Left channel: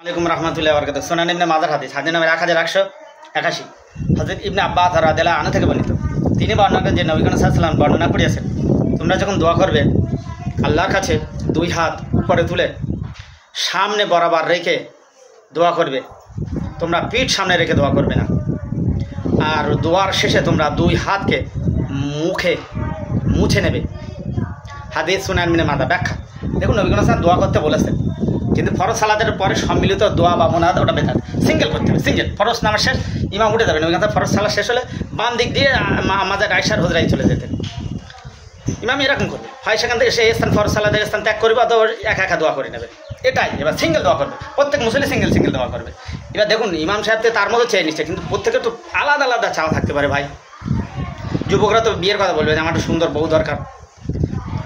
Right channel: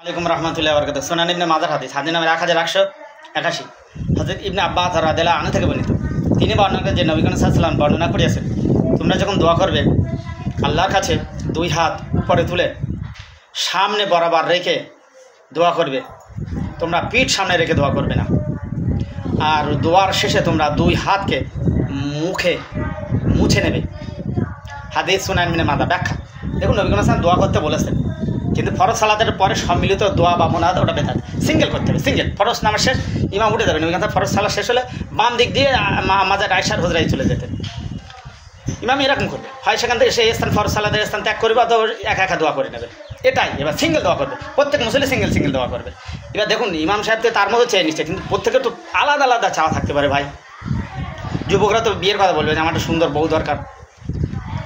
আলাইকুম রহমতুল্লাহ বরকাত। সুনান ইবনে মাজার হাদিস নামের 1181 হযরত ইবনে আব্বাস রাদিয়াল্লাহু আনহু থেকে বর্ণিত। তিনি বর্ণনা করেন যে নবী করিম সাল্লাল্লাহু আলাইহি ওয়াসাল্লাম বর্ণনা করেছেন, তোমরা যখন দোয়া করবে আল্লাহর কাছে দুই হাত উপরে তুলে সামনে বরাবর রেখে দোয়া করবে। তোমরা পিঠ সামনে রেখে দোয়া করবে না। আর দোয়ার শেষে তোমরা দুই হাতকে মুখে মুছে নেবে। হাদিস সুনান ইবনে মাজাহ। ব্যাখ্যা দেখুন, নবী করিম সাল্লাল্লাহু আলাইহি ওয়াসাল্লাম দোয়া করতে বলেছেন, কিন্তু ফরজ সালাতের পরে সম্মিলিত দোয়া বা মোনাজাত ওটা বেদাত। সিঙ্গেল করতে হবে, সিঙ্গেল। ফরজ নামাজ শেষ, ইমাম উঠে যাবেন, ওইখান থেকে ফরজ সালাত শেষ হলে বাম দিক দিয়ে মাজার আয়েশার হুজরায় চলে যেতেন। ইমাম এরকম করবে, হয় সেখান থেকে সেই স্থান ফরজ সালাতের স্থান ত্যাগ করবে অথবা একা একা দোয়া করে নেবে। এটাই এবার সিঙ্গেল দোয়া করবে, প্রত্যেক মুসলিম সিঙ্গেল সিঙ্গেল দোয়া করবে। এবার দেখুন, ইমাম সাহেবকে তার মতো চেয়ে নিচ্ছে, কিন্তু প্রত্যেকের তো আলাদা আলাদা চাওয়া থাকতে পারে ভাই। যুবকরা তো বিয়ের কথা বলবে যে আমার একটা সুন্দর বউ দরকার,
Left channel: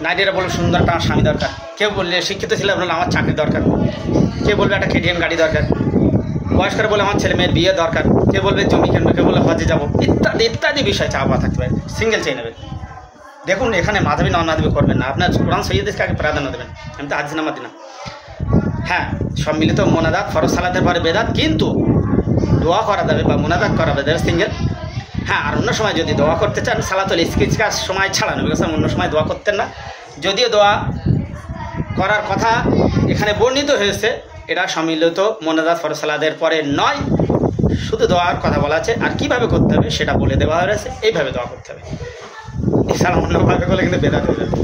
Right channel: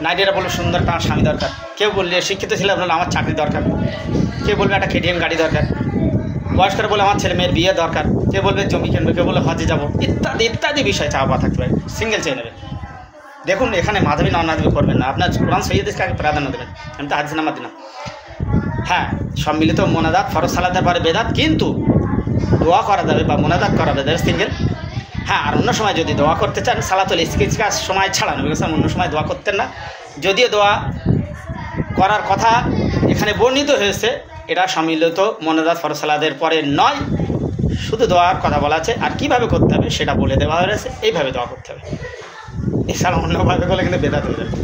নারীরা বলবে সুন্দর একটা আমার স্বামী দরকার, কেউ বললে শিক্ষিত ছেলে বললে আমার চাকরি দরকার, কেউ বলবে একটা কেটিএম গাড়ি দরকার, বয়স্করা বলে আমার ছেলে মেয়ের বিয়ে দরকার, কেউ বলবে জমি কিনবে, কেউ বলবে হজে যাবো, ইত্যাদি ইত্যাদি বিষয় চাওয়া থাকতে পারে। সিঙ্গেল চেয়ে নেবেন। দেখুন, এখানে মাধবী নন মাধবী করবেন না, আপনার কোরআন সৈয়দকে আগে প্রাধান্য দেবেন। আমি তো হাদিস নাম্বার দিলাম। হ্যাঁ, সম্মিলিত মোনাজাত ফরজ সালাতের পরে বেদাত, কিন্তু দোয়া করা যাবে বা মোনাজাত করা যাবে সিঙ্গেল। হ্যাঁ, আর অন্য সময় যদি দোয়া করতে চান সালাতুল ইস্তিসকার সময় ছাড়া নবী কাসেম অন্য সময় দোয়া করতেন না। যদিও দোয়া করার কথা এখানে বর্ণিত হয়েছে, এটা সম্মিলিত মোনাজাত ফরজ সালাতের পরে নয়, শুধু দোয়ার কথা বলা আছে। আর কিভাবে করতে হবে সেটা বলে দেওয়া হয়েছে, এইভাবে দোয়া করতে হবে। এছাড়া অন্যভাবে করলে কিন্তু বেদাত হয়ে যাবে।